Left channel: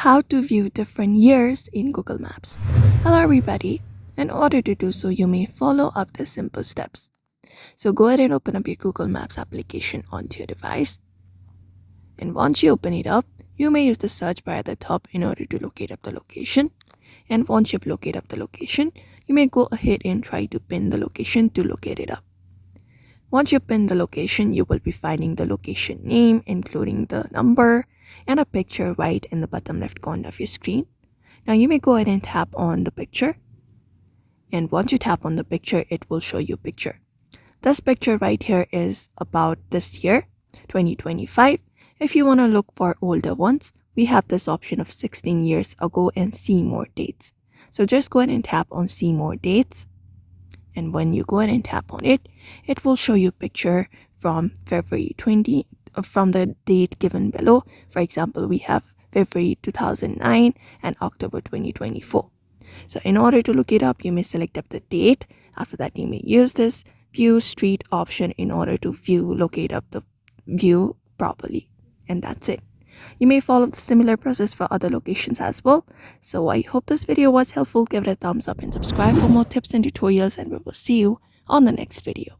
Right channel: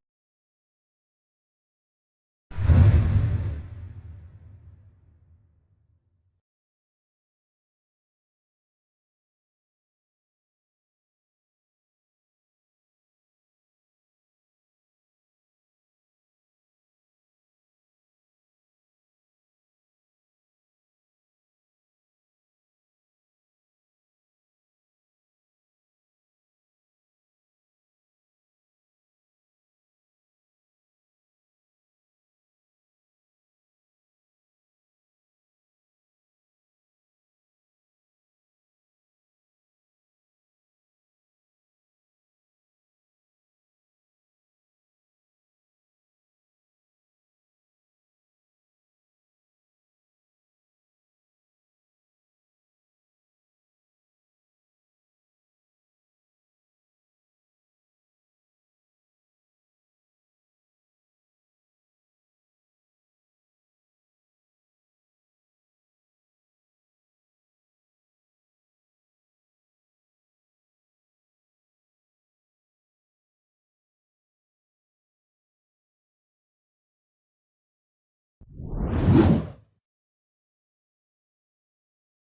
How to view different years in Google Maps. Hello everybody. In order to do so, you may follow up the simple steps. So go ahead and open up your Google Maps application onto your device. And once you open it up, you may use the search bar at the top in order to locate up the location. And once you've located up the location, you may go ahead and try to pin the location to locate it up. Once you pin the location, you will be finding the location name, including the number, and a picture right in the bottom left corner of your screen. Now you may go ahead and tap on the picture. And once you tap on the picture, it will show you a picture. This picture right here is about this year, 2025. If you want to look for older ones, we have this option of 16 years ago and see more dates. So just go ahead and tap on see more dates. And when you go ahead and tap on it, it will show you a picture from February 20, from the date given below. For example, we have February 2009 and October 2024. So in order to look it up, you may select up the date. After that, you may use this view street option in order to locate up the view properly. And that's it. You may follow the similar process for other locations as well. So I hope this video was helpful. Give it a thumbs up and subscribe for more tips and tutorials, and we will see you on the next video.